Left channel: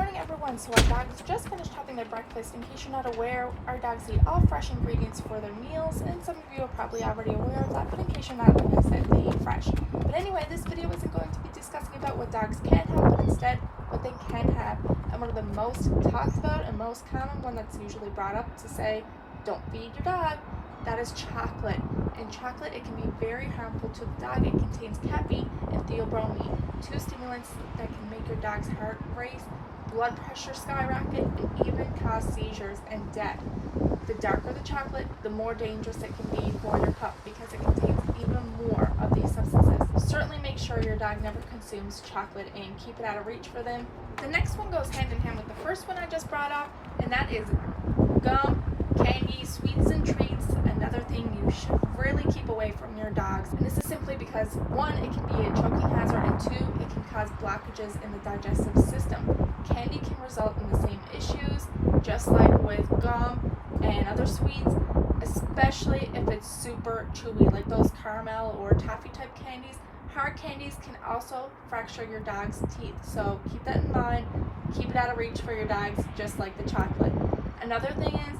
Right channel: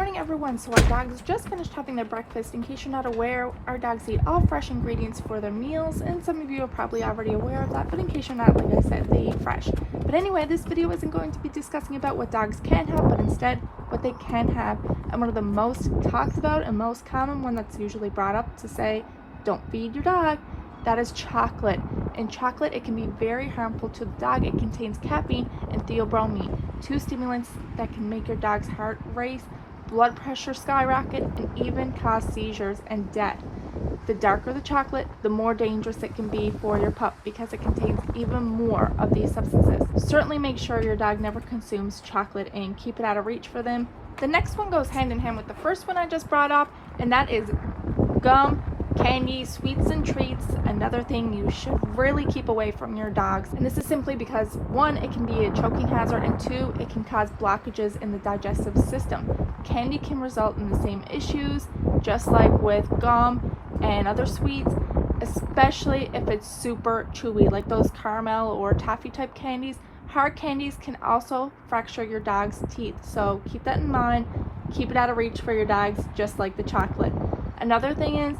morning everyone. So our dogs just finished having their breakfast. In case you're not aware, our dogs eat all fresh ingredients for their meals, and some of you are probably already aware of that, but in case you're not, like I said, they eat fresh. But anyway, this video isn't going to be discussing about what dogs can have, but instead what they can have. And one of the most talked about and most common one that's usually brought up to say, don't feed your dog, that is chocolate. In chocolate, it can be very harmful to the dog. It contains caffeine and theobromine, two stimulants that can make your dog's heart race, blood pressure skyrocket, and even cause seizures and death. The darker the chocolate, the more dangerous it can be for your pup because it contains even more of these substances. Certainly make sure your dog never consumes chocolate and keep it out of reach for them. The next one goes hand in hand with the first one I just brought up, and that is gum, candy, sweets and treats. Another thing you should really keep away from your dogs, and this is simply because one, it can be a choking hazard, and two, it can cause blockages in the digestive system. Candy can result in the same issues, just like with gum and other sweets, especially if it's super chewy, like those caramel or toffee type candies. Hard candies can also fracture your dog's teeth, so keep that in mind. Keep it out of reach for your dogs, just like the chocolate. Another thing is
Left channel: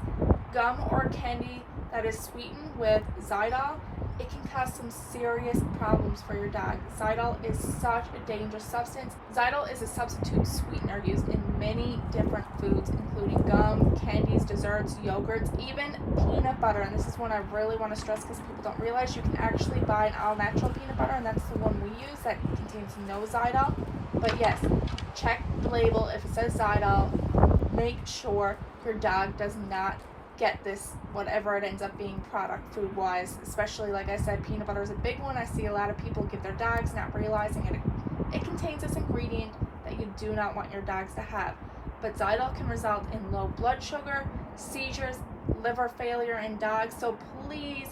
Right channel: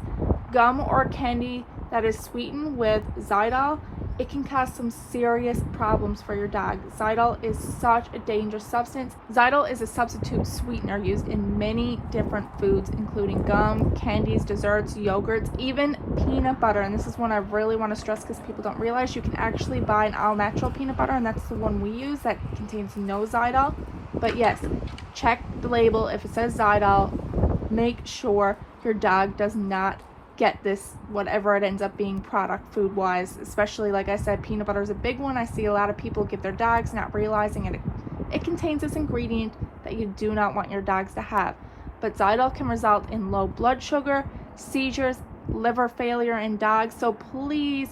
gum or candy that is sweetened with xylitol, it can cause some serious problems for your dog. Xylitol is such a dangerous substance. Xylitol is a substitute sweetener used in many different foods, including gum, candies, desserts, yogurts, even peanut butter. And this is one I really want to stress because people don't realize you can actually buy an all natural peanut butter, and that's the one we use that contains no xylitol. But yes, check the label. If it says xylitol, make sure your dog does not get this, whatever it ends up being product food wise. Especially, like I said, peanut butter is a big one. I see a lot of people give their dogs not realizing it contains this ingredient that you do not want your dogs to have. But xylitol can result in low blood sugar, seizures, liver failure in dogs. So please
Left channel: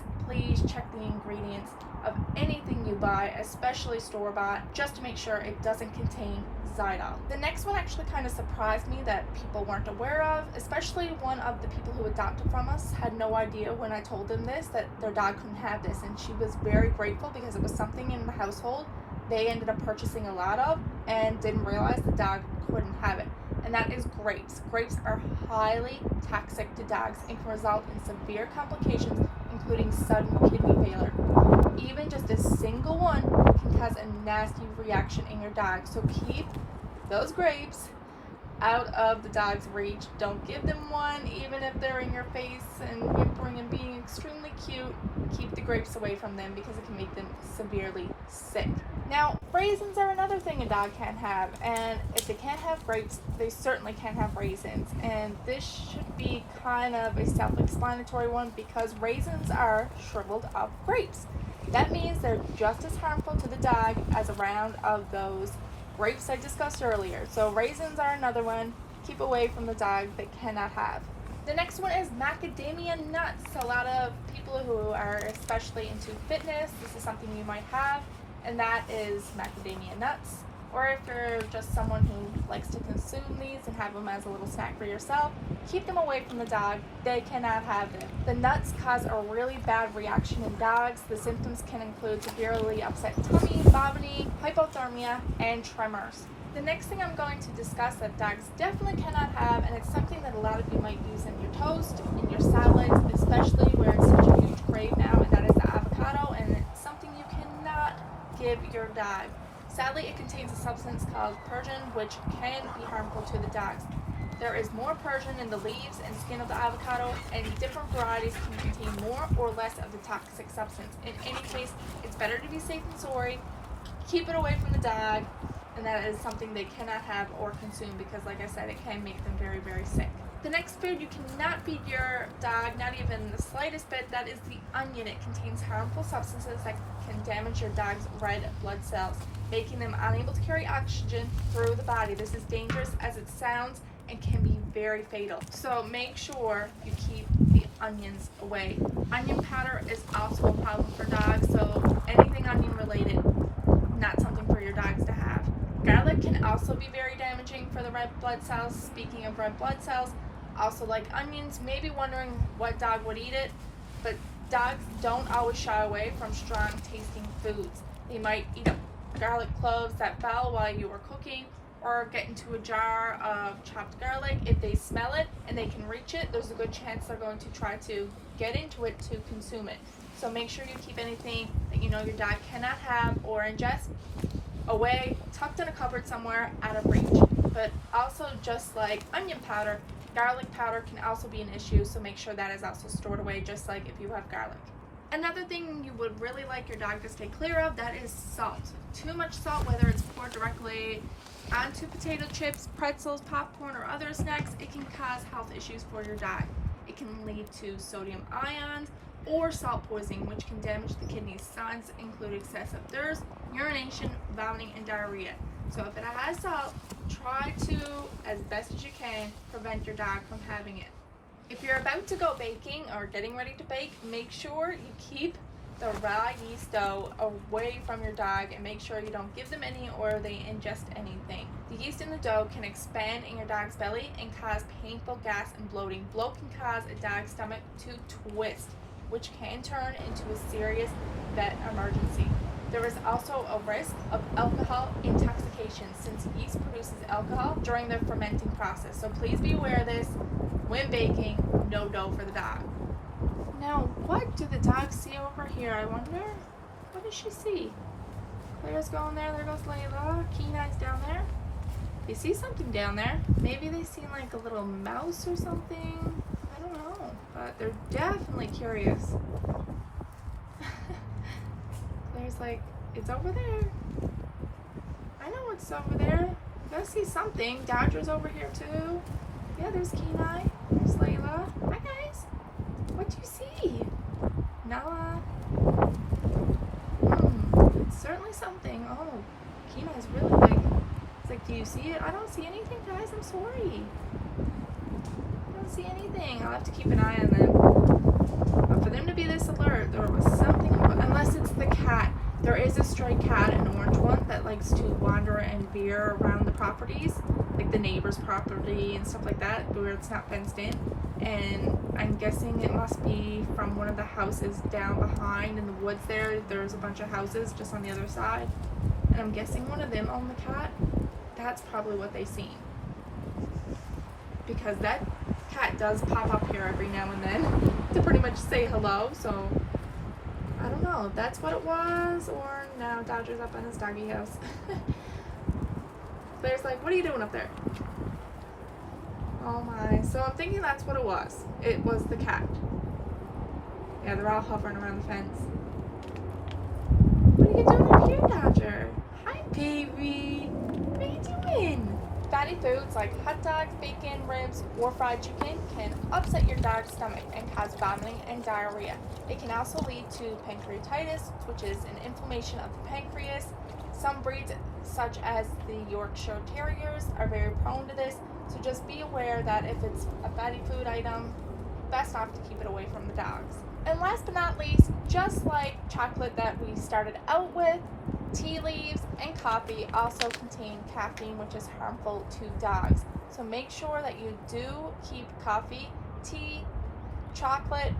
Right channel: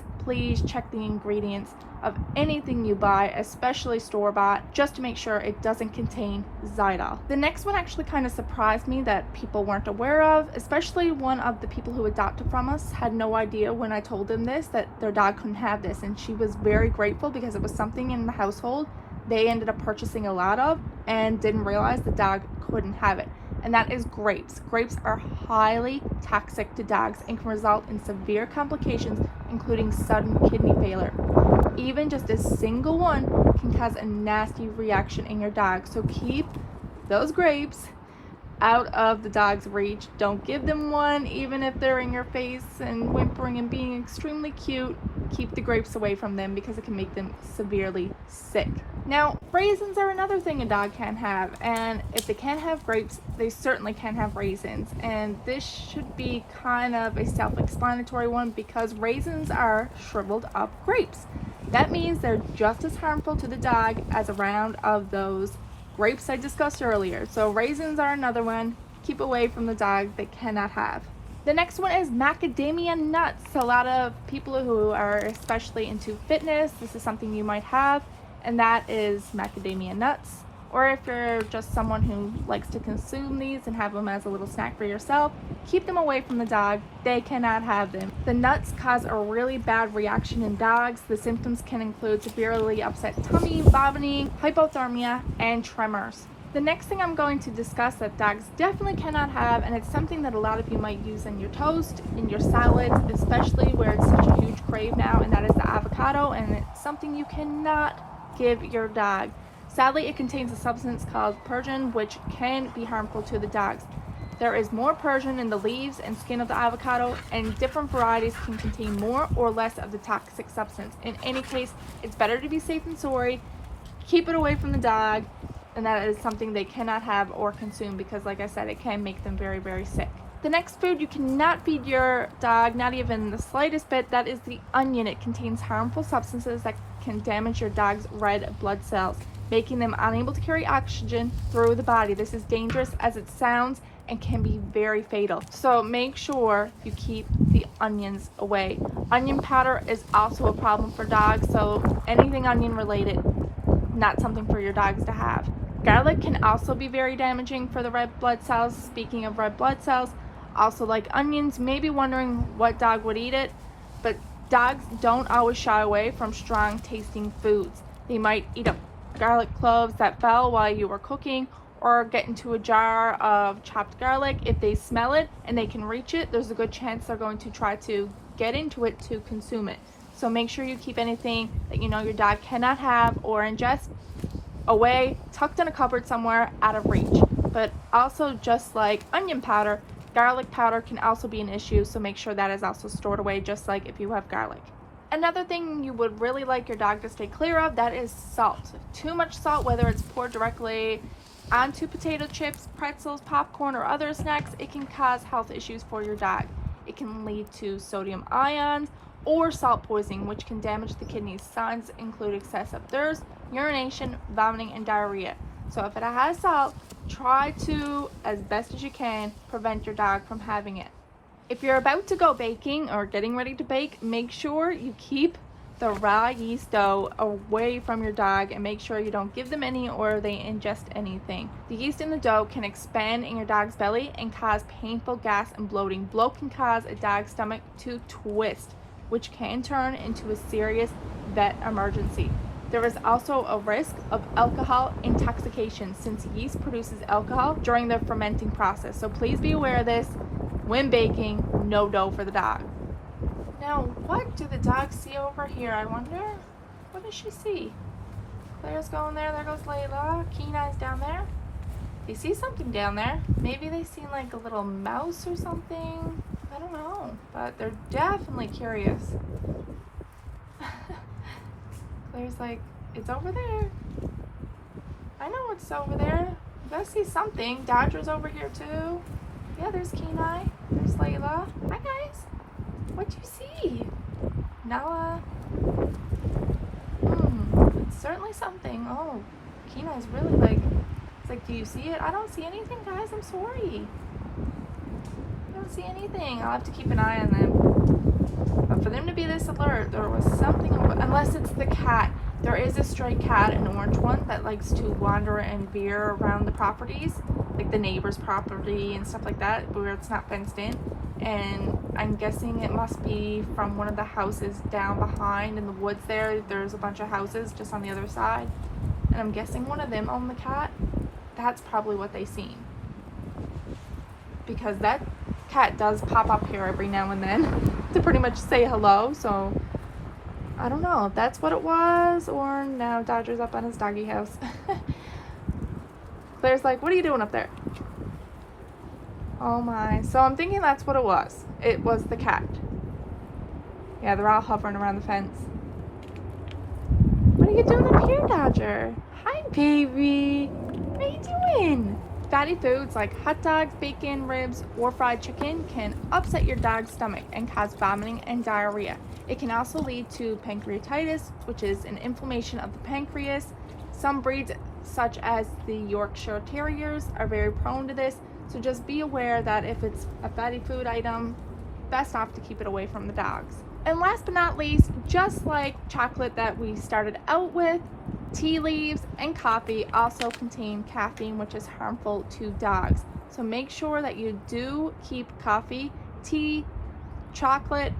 check the ingredients of anything you buy, especially store-bought, just to make sure it doesn't contain xylitol. The next one actually kind of surprised me that people weren't aware of, especially one of the people who adopted from us had no idea when I told them this, that their dog couldn't have this, and she was very grateful because it was something in the household they ended up purchasing a lot of and didn't realize the dog couldn't have it. And that is grapes. Grapes are highly toxic to dogs and can result in severe complications, including sudden kidney failure. Even just a single one can cause a nasty reaction in your dog. So keep those grapes out of the dog's reach. Don't give them one, even if they're in your face and whimpering and being extremely cute. Keep the grapes away from them because it can make them severely sick. Now, raisins are another thing a dog can have, and if they can't have grapes, they certainly can have raisins. And this should be kind of a self-explanatory one because raisins are shriveled up grapes. That means they're just as harmful to the dog as a round of those grapes I discussed earlier. So raisins are another one. Keep away from the dog they cannot have. The next one is macadamia nuts. A lot of people who are especially into fitness, this is something you might have, and that is macadamia nuts. Or if you're just someone who likes to consume these and have them as a little snack for yourself, keep them away from the dog. They cannot have them. The nuts cause a really bad reaction in dogs. The symptoms can include severely upset tummy, vomiting, hypothermia, and tremors. The next thing I'm going to discuss that dogs definitely cannot have, and it's something that a lot of you might use in your toast, in your salads, especially where it's such a huge crave now, and that is the avocado, and it's something you cannot give your dog. Sadly, it contains a substance called pergin, which can be harmful to the dogs. There is more pergin in the leaves and skin of the avocado, and different varieties can contain more or less of the toxic substance. In any case, it's better to be safe than sorry. Keep it away from the dog, and that is something they cannot have or consume because, like I said, it can make them very, very sick. The next food you cannot feed your dog, not even the slightest bit, that is the onion. It contains harmful substances that can damage your dog's red blood cells, making them unable to carry oxygen through the body. This is dangerous as it sounds and can be very fatal. So make sure you keep the onions away. Onion powder is also a problem for dogs, so anything onion related, not something for your dogs to have. Garlic can also be very damaging for the red blood cells. Speaking of red blood cells, also like onions, maybe wondering what dog would eat it, but dogs don't always shy away from strong tasting foods. They might eat up garlic cloves that fell while you were cooking, or get into a jar of chopped garlic. If they smell it and they can reach it, there's a good chance they're going to try to get into it to consume it. So make sure you keep anything that you know your dog cannot have or ingest away, tucked in a cupboard somewhere out of reach. But also, just like onion powder, garlic powder can also be an issue, so make sure that is also stored away, just like if you have garlic. Another thing you would really like your dog to stay clear of, that is salt. Too much salt, whether it's poured directly onto potato chips, pretzels, popcorn, or other snacks, it can cause health issues for your dog. It can lead to sodium ions or salt poisoning, which can damage the kidneys. Signs include excessive thirst, urination, vomiting, and diarrhea. So if it has salt, try to, as best as you can, prevent your dog from having it. If you're about to go baking or getting ready to bake, make sure you keep the raw yeast dough away from your dog and make sure you don't give them any or they ingest anything. The yeast in the dough can expand in your dog's belly and cause painful gas and bloating. Bloat can cause a dog's stomach to twist, which can turn into a serious vet emergency. There is also a risk of alcohol intoxication since yeast produces alcohol during the fermenting process. So please be aware of this. When baking, no dough for the dog. Now, what do the dogs see over here? I wonder, what does she see? Claire's going there, there goes Layla. Kenai's down there. They see something down there. Maybe they see like a little mouse or something. I don't know, but they're definitely curious. Claire's like, it's over there. I know it's over there. You guys see something. Dodger's over here too. Yeah, there's Kenai. There's Layla. Hi guys. What do you see? Nala. It's certainly something. Oh, Kenai's really like, it's like, do you see it? I don't see anything, guys. I'm sorry. I don't see anything. I'll have to keep an eye on them. But for them to be this alert, there was something, unless it's the cat. There is a stray cat, an orange one, that likes to wander and veer around the properties, like the neighbor's property and stuff like that, where it's not fenced in. And I'm guessing it must be from one of the houses down behind in the woods there. There's a bunch of houses just on the other side. And I'm guessing one of them owned the cat. That's probably what they seen. Because that cat does pop up here every now and then to pretty much say hello, so I don't know if that's what it was, or now Dodger's up on his doggy house. Claire's like, what are you doing up there? Oh my, so I'm thinking that's what it was. It was the cat. Yeah, they're all hovering around the fence. What are you doing up here, Dodger? Hi, baby. What are you doing? Fatty foods like hot dogs, bacon, ribs, or fried chicken can upset your dog's stomach and cause vomiting and diarrhea. It can also lead to pancreatitis, which is an inflammation of the pancreas. Some breeds, such as the Yorkshire Terriers, are very prone to this, so just be aware that if it's a fatty food item, best off to keep it away from the dogs. And last but not least, just like chocolate that we started out with, tea leaves and coffee also contain caffeine, which is harmful to dogs. So make sure that you do keep coffee, tea, chocolate,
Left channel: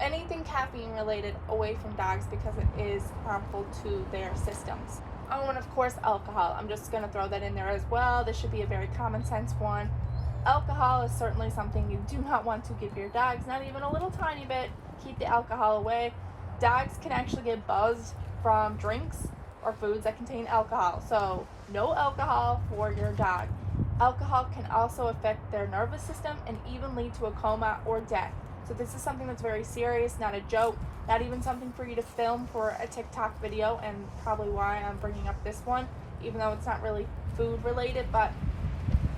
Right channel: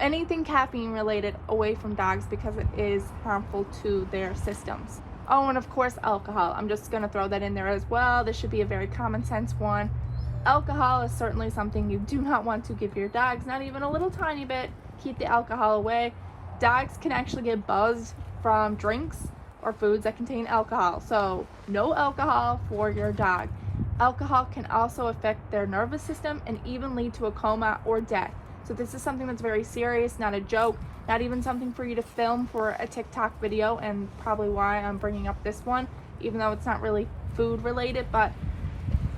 anything caffeine related away from dogs because it is harmful to their systems. Oh, and of course alcohol. I'm just going to throw that in there as well. This should be a very common sense one. Alcohol is certainly something you do not want to give your dogs, not even a little tiny bit. Keep the alcohol away. Dogs can actually get buzzed from drinks or foods that contain alcohol, so no alcohol for your dog. Alcohol can also affect their nervous system and even lead to a coma or death. So this is something that's very serious, not a joke, not even something for you to film for a TikTok video, and probably why I'm bringing up this one, even though it's not really food related. But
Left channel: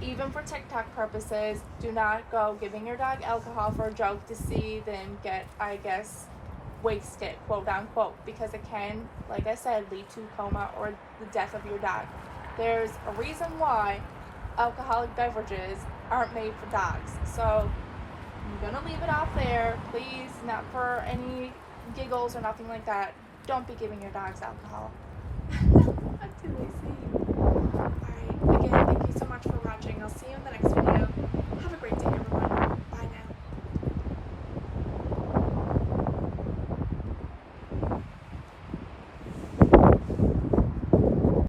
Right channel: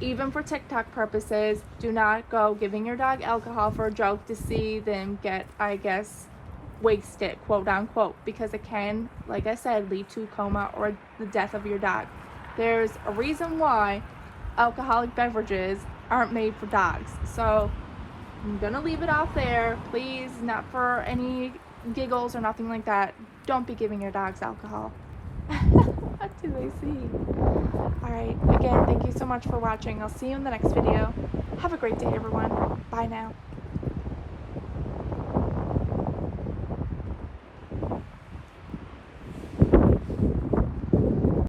even for TikTok purposes, do not go giving your dog alcohol for a joke to see them get, I guess, wasted, quote unquote, because it can, like I said, lead to coma or the death of your dog. There's a reason why alcoholic beverages aren't made for dogs. So I'm gonna leave it off there. Please, not for any giggles or nothing like that. Don't be giving your dogs alcohol. What do I see? Alright, again, thank you so much for watching. I'll see you in the next video. Have a great day, everyone. Bye now.